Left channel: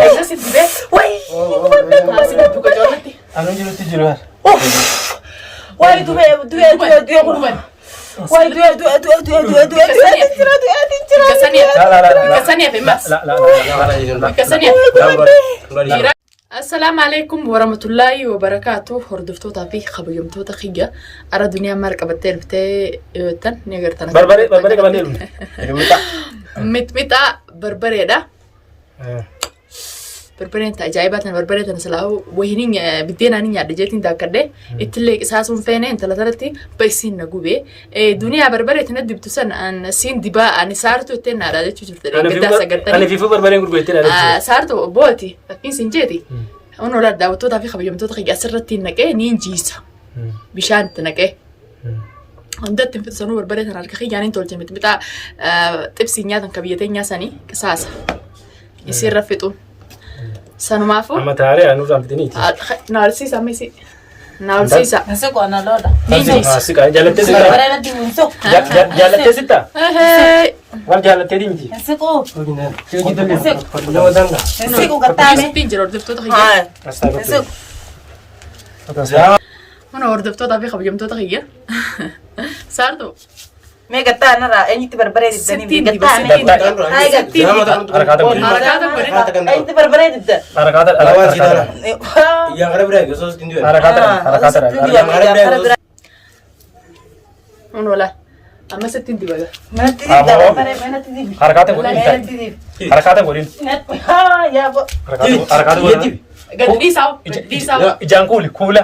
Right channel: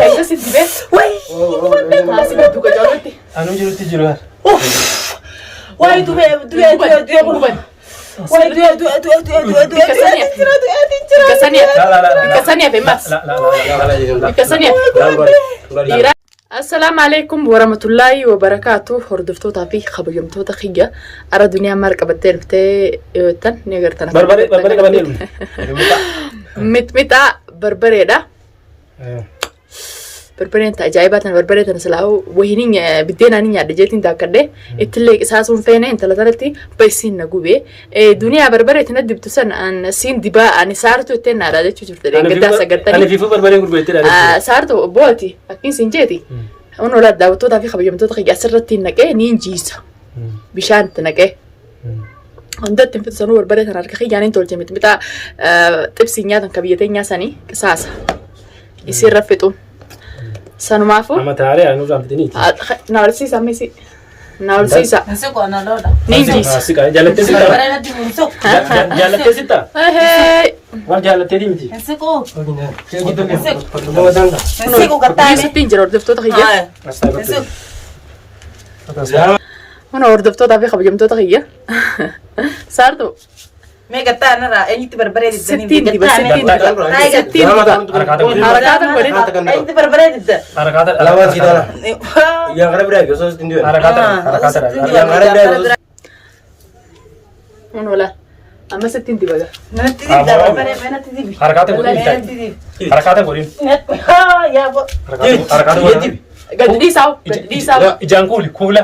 كيف سيدي وي هاسي بدو كجولتي أنا جريت تجربة واي دو قبل واي دو كسانية في ماس كسانية السلام عليكم ورحمة الله وبركاته هردفتوتا في خبيمتوتا خيجا أرى الدنيا مارك بتل بتاع تن نيجرتنا بربري كمان مت بربري ده بربري أنت عجيبات أنا بربري تنسلاو وهني بدينا نيجي دجيتين داكده إتلي إساسون فينا أنت لثالثي بيسين نجوبه الدنيا بربري تندب تسن أن سين دبا أنا صارتو تنا على ده شو أنا في بربري أقول بيتنا صارتو بوتي أكين سنجتي أنا ولاد داوتو ده في خبيم تو تخيج أسرتي نجى نينجيسا بيشان تنجى عندك تنفذ سنور بربري تنا ركخي يعني تقول جميت بتاع تبسينيا تنكبيتين يا سني كساسة يصير رفتو سانو مافو أما تاري أنا وزام بدني نارسيسا ميسي نارسيسا نسيكو أنا لا نينجيسا سيكا جالت سيتا جالت سيتا هاي وال جالت تيجي نسيكو نسيكو نسيكو قطعني تنجر وردفتو تخيج نسيكو أنا وردفتو ده في خبيم تو تخيج صارتو مي قطعني را أنت بربري ستين جدا دي بس قطعني هاي ستين أنت بربري جدا أنا سيدا yang ada berapa so stindian yang ada berapa أنا ولا أما ستين دي بقى ما تدي ده بربري ما تدي harakatnya ما boleh تدي harakatnya boleh ها يا بو harakatnya boleh قد دي ساو دي ساو jangan kula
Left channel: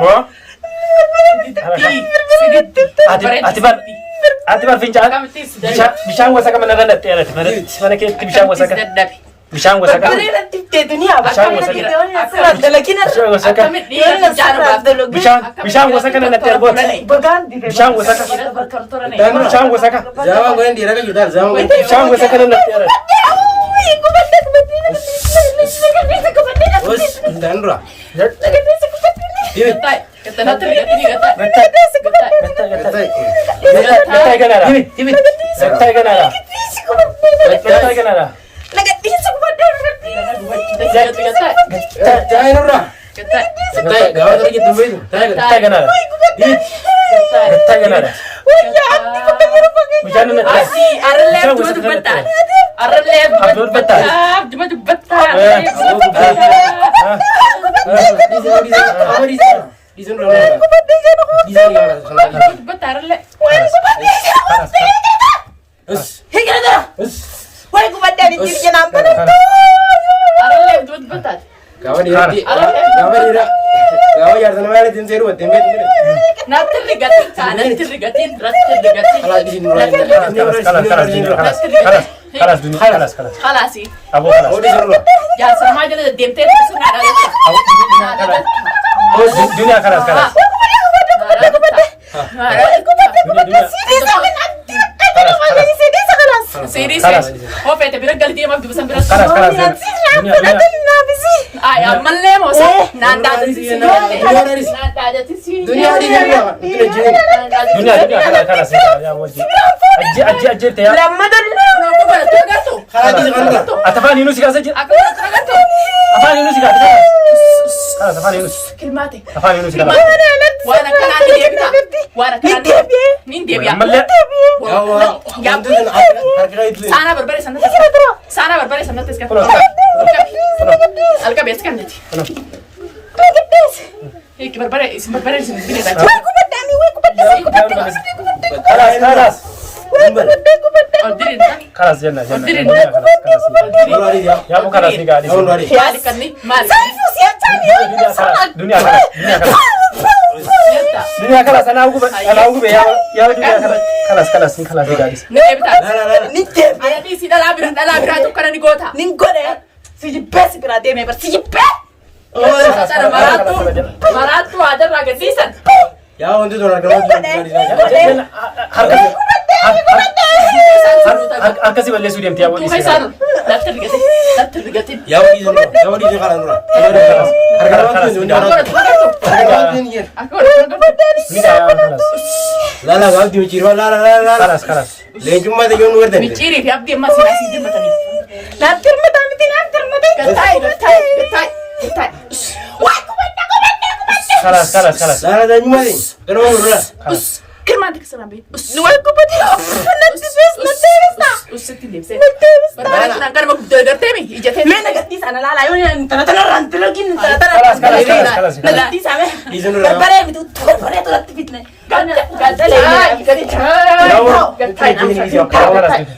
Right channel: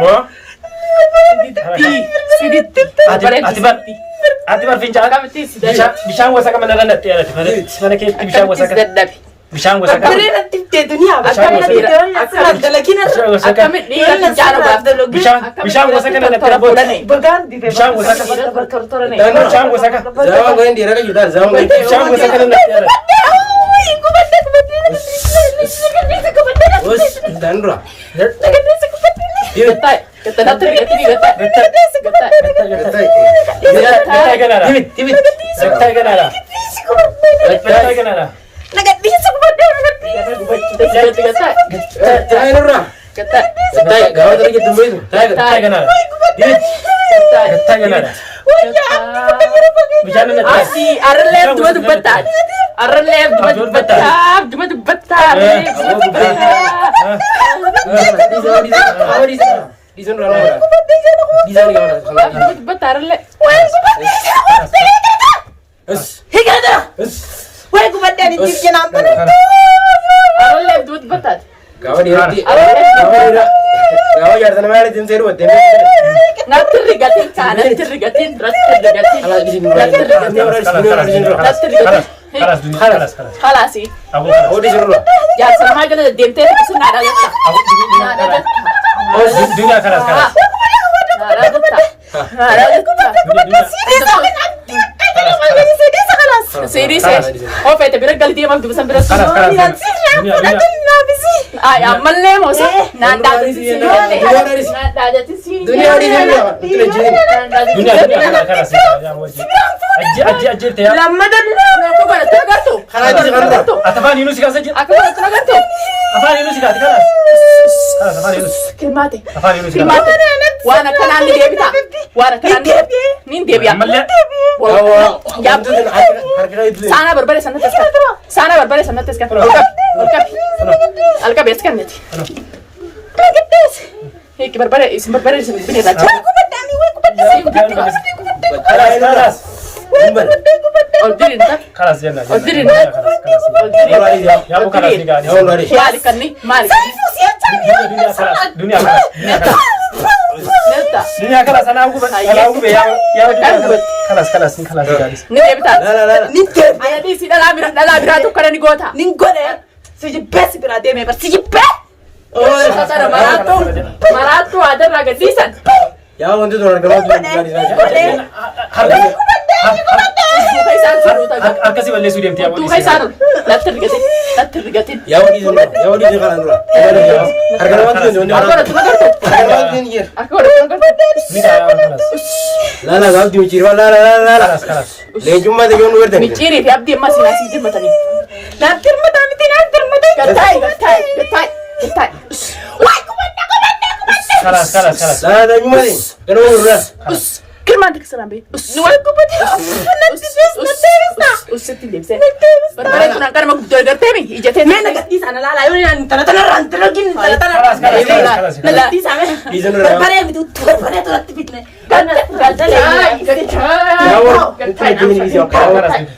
no atibar fincan bisa gua saka mana nanti ada mana ke bisa gua saka bisa gua saka بربري تدي دنيا بربري تدي أسرع لكن bisa gua saka nanti ada بغان دي bisa gua saka بتورتورني bisa gua saka Zaman gue yang direka juta, zaman gue. bisa gua saka nanti ada Bos, dan bro. Betai, kita nanti ini betai. Betai. betai kan ada Timit. betai kan ada betai kan ada Jangan bro. Betai, gawat lagi tunggu itu. betai kan ada betai kan ada bisa nanti Asi, aralem dua tu betai. Aralem dua betai, cuma tu betai. Di sana gimana? Betai aralem. وين قبضة نجيب جناب Aralem dua betai. Gawat jadi sana mana tim seru, tim Nanti rigatin sana, nanti rigatin, Kalau di sini orang ini orang di sini. خلاص دنيا خلاص خلاص ابو خلاص Oh di seru. يا سلام هاي جنا ديمتي بس نادا جتا oh dunia خلاص خلاص سيري هو فايت بيرجع لدي ما بتبسم بيرجع خلاص خلاص ay amalle mo sa nada nada tisi Dunia di sini bro. Itu lagi. dunia خلاص اجي ramadan no ko bana tagato Kalau di sana bro. atafani nusi kasaje aku tagato afani nusi kasaje خلاص afani nusi كلماتي afani nusi وانا كان عندي ديبتا وانا كان عندي مين ديبيا Ya, itu harga itu. sana berbalik sana tes sana berbalik sana tes kan alka bes kan nanti هيك berbalik isim berbalik isim bini dah خلاص Aldirin tak? خلاص جنة Aldirin Kalau hari dia. يا ابو خلاص دي قاعد Kalau hari. Malik kan ni, Malik. دنيا خلاص Neta. دنيا خلاص انا اقول يا خلاص خلاص قاعد Ni debita. Nah. نتي Ayah di sini dalam birat tu kerana ni gota. نقول سيجي بس برادي مي بس سيجي بس Sana maratu ada raga disan. Ya untuk orang kalau di sana. akkasi balleessuu deemti yaa Tu kaisar. Latte rigatin. yaa wadii kalaan dura harka namaa kiyoon joonde waraatu harka namaa kiyoon jira laala gaafdi michiirwa laala leenjummaa ta'e yoonu werdan Miciri fi abdi amma sina sidi matani. Nanti mati. Gatai. Wah, kubanda. kalas laala leenjummaa ta'e ganama gurgura Kirman dik sana be. Wah, kubanda. Usitti lebse. Barbara kuna kan mag gartemi ijate. Mana gadis ana lala yo ni tana rantelogin tana. Nagadi same. Barbare bitu barbare to ratibitne. Gadale.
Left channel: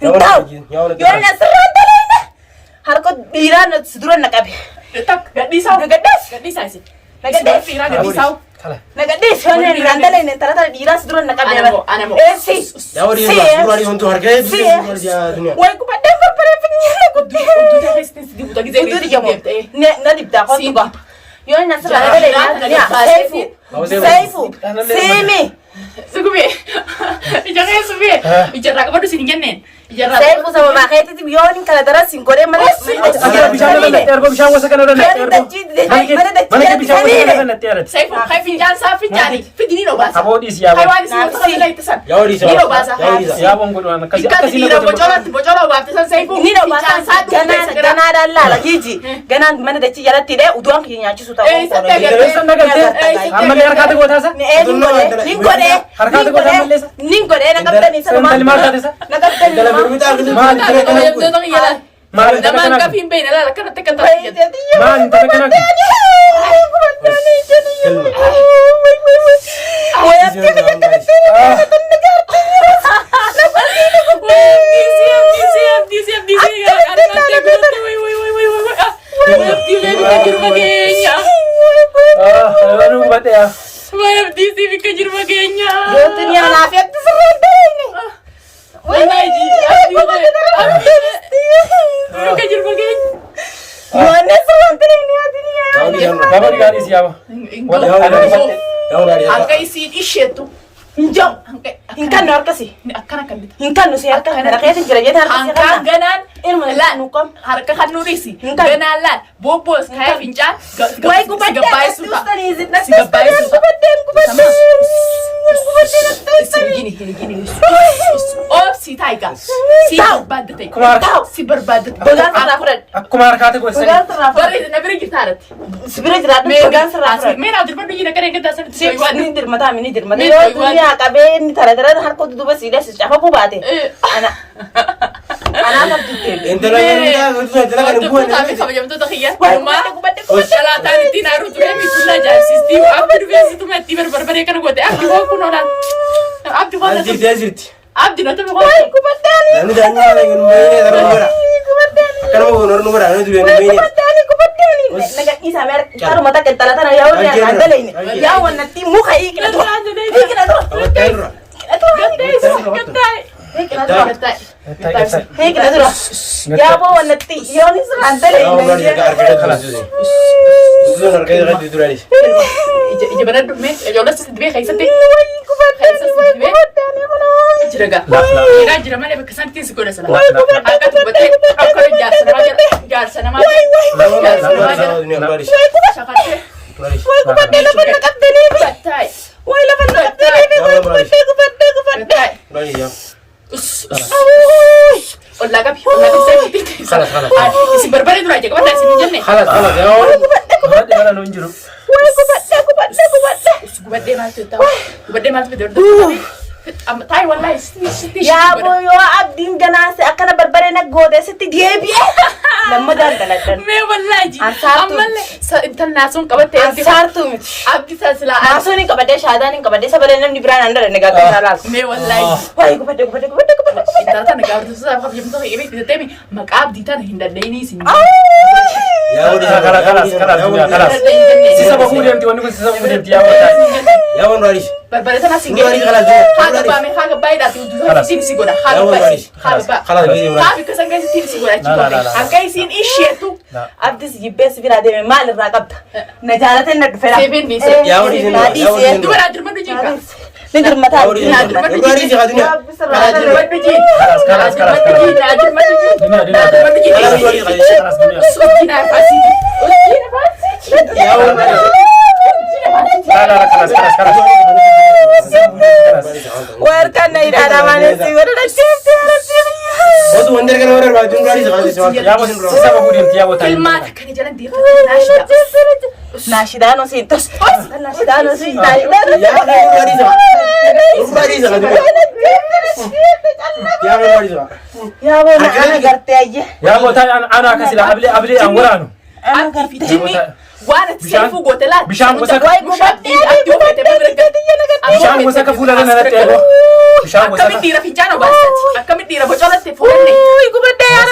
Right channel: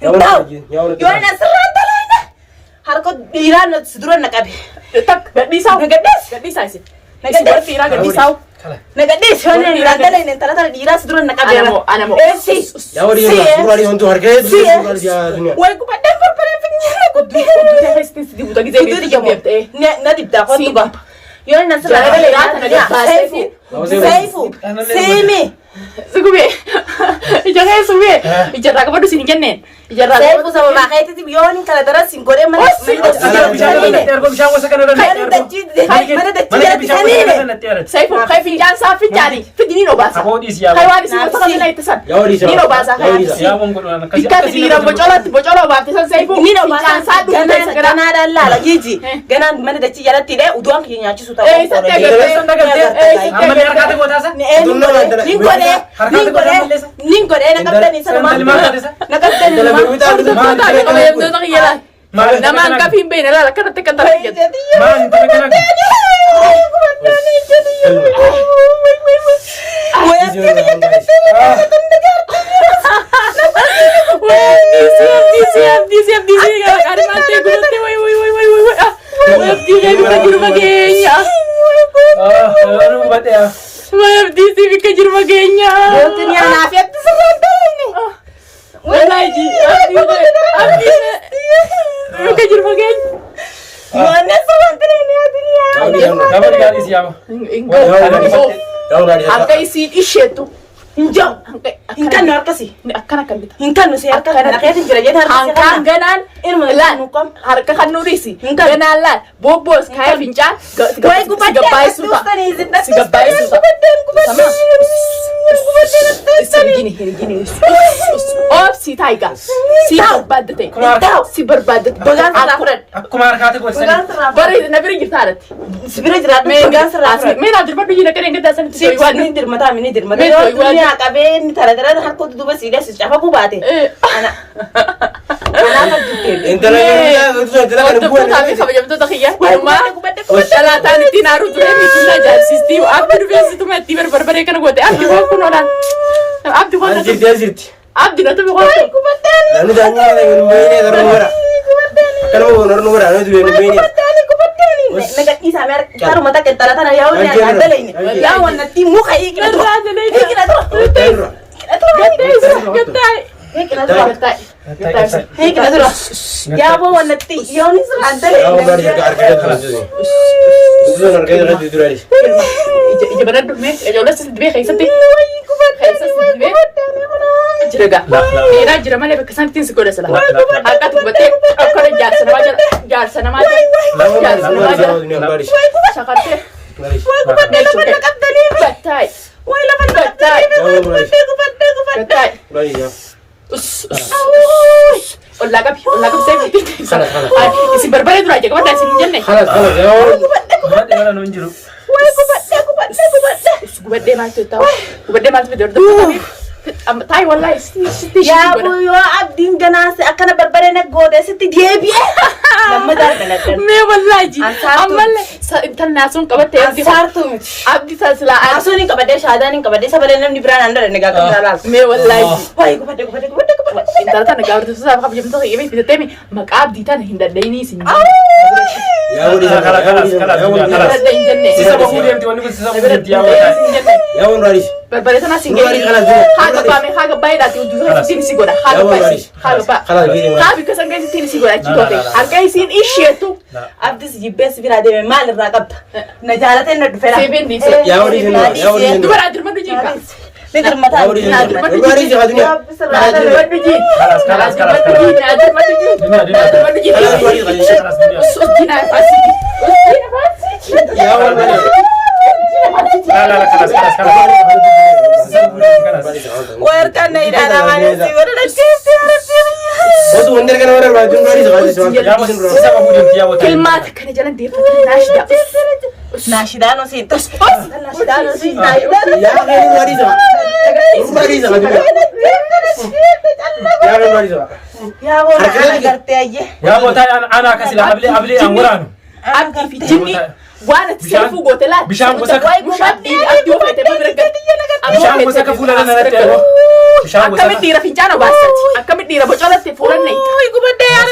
Yorna sarantale. Harko diran suduran nakabe. Tak gadisau. Gadisau sih. Nagadis ira gadisau. Nagadis shone rantale ne tana diran suduran nakabe. Anamo. Si. yaa wadii suuraa hontu harka dunia Wah, kubanda barbare pinyala kutte. Na dibda ko tuba. Yorna sarantale Saifu. Semi. Sugube. Ijara sugube. Ijara ka padu sini kenne. Ijara. Saifu sama bakete ti bioni kala tara sinkore mana. bishaan wasa kana Saifu kai finjan sa finjani. Fidini no basa. aboodhiis yaa Kai wani sima taka mina itasan. yaa wadii Nino basa. yaa bon godhan akkasi Ikati dira bocola baftisan Saifu. Nino basa Finjan sa du gana dalla la jiji. Gana mana da ci yaratti de uduan ki nyachi suta. Ninkore na kaptani salama. Na kaptani Naman ka pimbe na la kana te kanta. Angkai si ishetu. Injong. Inkan harkasi. Akkana kallita. Inkan nusi harka kana kaya jira jira harkasi Angkan kana. ganan Ilmu la nukom. harka kan nurisi. Angkan. Ganan la bobos kaya fincan. Wai kubanda suka. tustani izit na Si gabay suka. Sama. Gini. Op si taiga. Si berbadate. Tau. Si berbadate. Bagan sarafrad. akkuma harkaati godhan Bagan sarafrad. Bore na beri gitarat. Sibira jira bagan sarafrad. Mena dir padu gina karen gata san Si ni dirmata mini dirmata. Me Yo toy wan. dunia kabe ni tara harko duba sida si chafa bubate. Ana. Ana ma jitte. intala intala kan buwan Kabajamto takiya. Wai Rumah. kubanda Salatan tinaru turemi sulla jarsisti abdu vesi tu metti berbare kan gote abdu ko nonan abdu ko jirti abdu no to ko kubanda. lalu jangan ada yang main ya taruh bara kan mau nor bara itu yang main Naga isa mer taru mata ke tala tana yawo ya dale ni. Ya wannan ti mu kai ikna to. Ikna to. terus Ikna to. Ya bo wannan ti yawo ni san dale. ya mau beri jaga harga itu itu harga itu lagi ije banad me yo la sidi be khaysati khaysati be jiraga ira jira male be kasantin su koda sala hakat bate akare jar sana ma dunia baris sakarte baris batai batai ya mau baris batai baris ya Olagap saya Khalas. isi berbalik dulu aja kapan dah sini jenne khalas ya mana nuun jiru Kubadde masih tahu. Kubadde masih betul. Tai wallahi Ya bo yo abdin gana se akana barbare na gode se ti diebi. Lamma dar daladan. Me wallahi ji. Amalle intan nasun kabate abdi Sartu mit. abdi sala Asuni kabade shadanin kabade sabale nam ni brana andar ne ga kalal. me wallahi ji. Wai kubade. Intan tan gawar tu sa kabje mto ibe bisa temi mak abdi tan hindadaini sin. ya mau sisa bakuu deemti wanni kun sisa bakuu deemti ya mau baris Barbare sana sin. baris khalas dunia Haga ba me haga bai da tu sin sigoda. ya mau Haga baris ba. Haga ba. khalas gitu Habi kasan kai sin sigoda chitote. Ankai sin ishetu. Abdi si bes bira de mal raqabta. Na jalate na dufera. Seven dice. ya mau di sini Dua rajur madu jingka. نقدر يا مثلا ولدي نادر ما تجي. نادر يا دنيا نادر ما تجي. خلاص نادر ما تجي. نادر ما تجي. نادر ما تجي. خلاص دنيا أسجينا فاسدي. أسجينا فاسدي. يا ولدي لا لا خلاص خلاص خلاص واركنا إلى أنا نسي ولا وضو وندر كان ورا ما جون رادي زغادي سوال يا ابو سبب ودين يا ابو كلماتك كان جلن دي فتح ناشدة. ناشدانو سينتوس ناشدانو سين يا غير رادي زغادي زغادي يا غير رادي زغادي يا ابو انا قرتي يا ابو تاي انا كسلا قبلي انورانو أبدي في جني وانا تسيفو قوتلات. بشام وسك مش أبدي أبدي وفيت ببرقة. بشام وسك فولا انا بشام أكمل وسك ديرة فنجانة باسات. أكمل ديرة بجولة تفولني.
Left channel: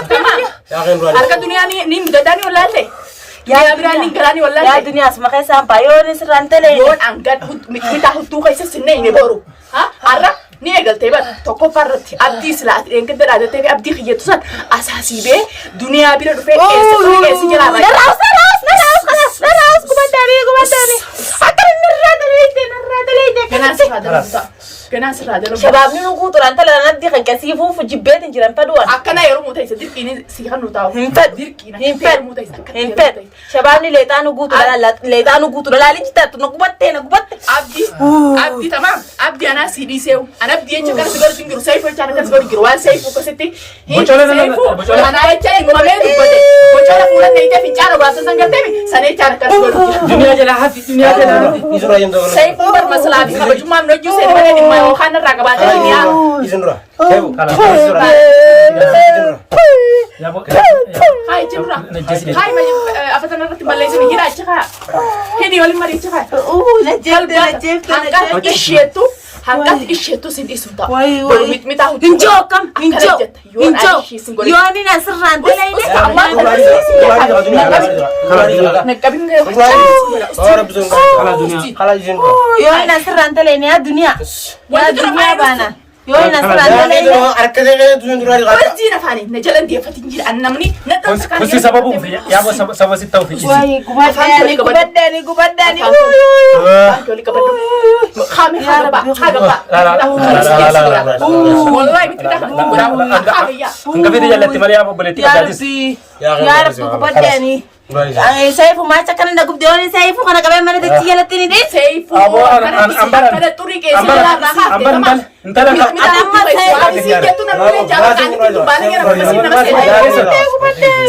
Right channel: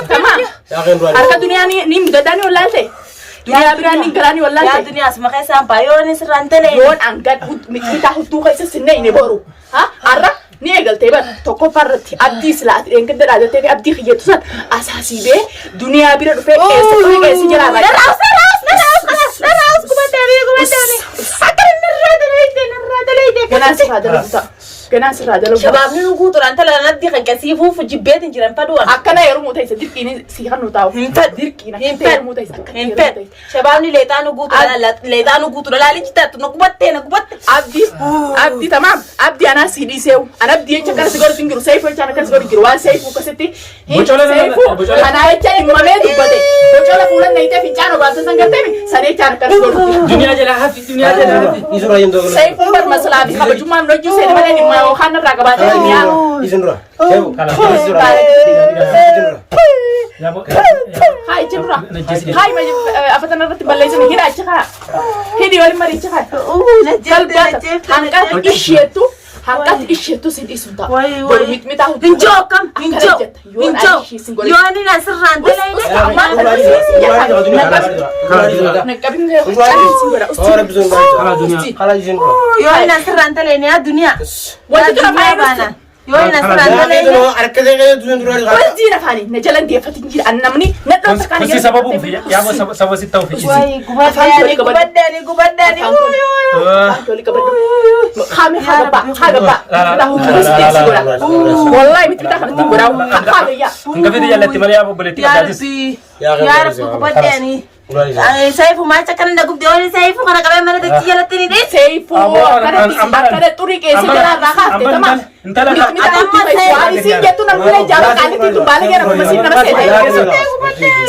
تمام. يا غير رادي أركا دنيا نيم دداني ولا أنت؟ دنيا براني قراني ولا يا أنت؟ دنيا اسمع كيس سامبايو نسرانتلي يون أنقد متى هدو كيس سنين نبورو. ها أرا نيجل تبى تكو فرت أبدي سلات إنك درا تبى أبدي خيط سات أساسي به دنيا بيرد في إيش جرا راجع. كناس هذا لو شباب نو قوتر انت لا ندي خن كسيفو في جبيت انجران فدوان أكنا يروم متى يصير سيخان نتاو ديركينا ينفر ينفر شباب ني ليتانو قوتر لا ليتانو قوتر لا لجتا نقبت أبدي تمام أبدي أنا سيدي سيو أنا أبدي أنت كان سيقول تنجرو سيفو أنت كان سيقول تنجرو سيفو كستي سيفو أنا أنت ما ميدو بدي وجالا فلان نيته في جانا بعد سنجتني سنة جانا كان سيقول دنيا جلا في دنيا جلا يزرا يندو سيفو برمسلا في خبر جمعة نرجو سنة ما نيجي ما وخان الرقبات هني يا يزنرا سيفو يزرا يا ابو هاي جمرة هاي ما أفتنا رتب بليزن هنا أشخا هدي ولا مري أشخا قلبات هنقات إشيتو سيد اسم تا برميت متاهو انجو يوني نصر رانتلي يا دنيا يوني نصر رانتلي وزينا فاني نجلن دي فتنجي أنمني ندرس كان بس سببه يا ابو سبب ستة في غبداني كولي كبدو خامي حاجة والله متفتح تقول حاجة يا انت في يلا تمام يا ابو بلتي يا ربي يا ربي غبداني سيفو ما تكن نقول دوني سيفو كنا كمان من تجي على التاني دي سيفو كده طريق إيش جلا راحة تمام سيجتو نمنا جاوا كاني تيجي بالي أنا بمسين نما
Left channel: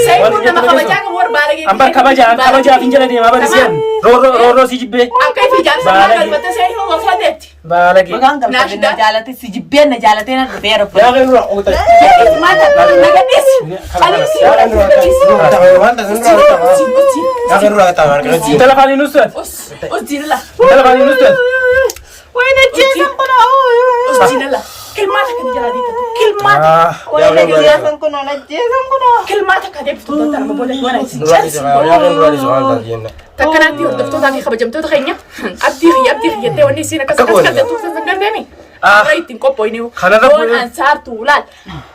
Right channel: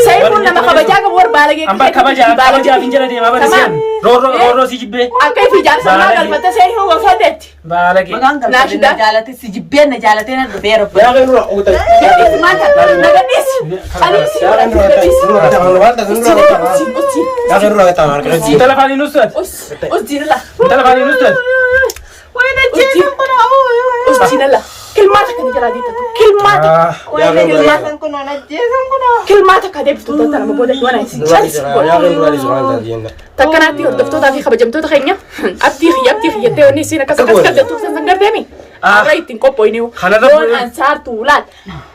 سيفو نما خبجا كبور بالي أما خبجا إنجلا دي ما بنسيان رو سيجبه أكيد في جالس ما كلمة سيفو وفادت بالك ناشدا جالتي سيجبين نجالتي نديرو يا غير روح قلت ما نقديس يا غير روح تمام انت لا فاني نصت أس دينلا انت لا فاني نصت وين الجيش أس دينلا كلماتك أنا جلادي تكو كلماتك يا غير روح كلماتك هذه بتوتو أنا مبودك وأنا يسير يا غير روح زغال تدينا تكناتي وردفتو تافي خبجمتو تخينيا أبدي خيتي ونسينا كسكت تنسنجر دمي أريتين كوبوينيو لون أنصار طولات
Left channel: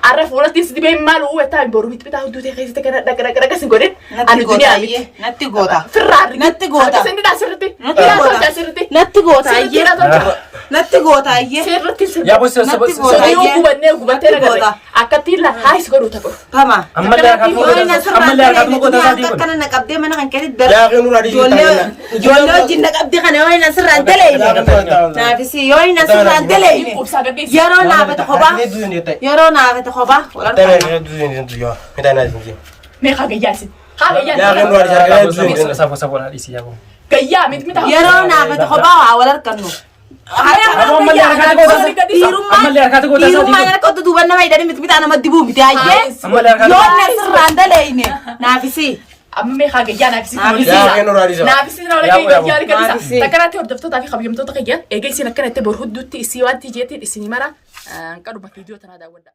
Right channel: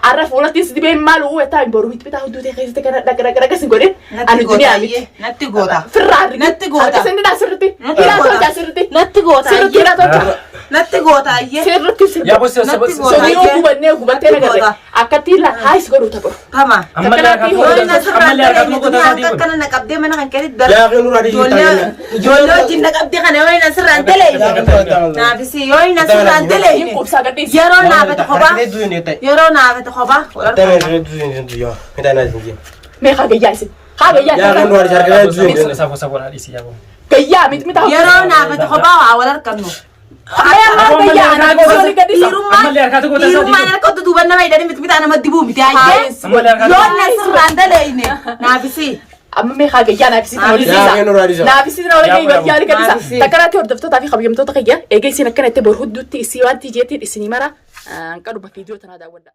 أعرف ولا تيجي بين مالو وتاعي بروحيت بتاعه دوتي خيس تكنا دكرة كسنجورين أنا الدنيا أميت نتجوتا فرار نتجوتا كسند داسرتي هلا تول داسرتي نتجوتا سرتي لا تول نتجوتا سرتي يا بس سونيو كوبانة نجارة أكتير لا هاي سكرو تبر تمام أما لا كنا نقبضي من عن كده يا غير روح تدينا يولو جينا قبضي كنا وين نصر عندلي نافسي يوين نصر عندلي يكوب ساقديس يرو نافت خبا يرو نافت خبا مي خاجة جالسين خاجة يا غير روح تدينا سافو سافو هذه يا ابو كيا ميت يرو نافت خبا ولا ركبنو ما كيا أنا بقولي كديس أما اللي أركض قلت يرو ما أنا كنت تبغى نما يدري مت أنا ما تبغى مت أيه يوين نصر عندلي نافسي أما مي خاجة جانا بسيط يا غير روح تدينا نابسينا ولا كي بيجي كديس تكراتي وردفتو تافي خبيمتو تخيا إيجي سينا كنا تبور هدوتي سيوان تيجي تي السينما را كانوا بفيديو تنا دا ودا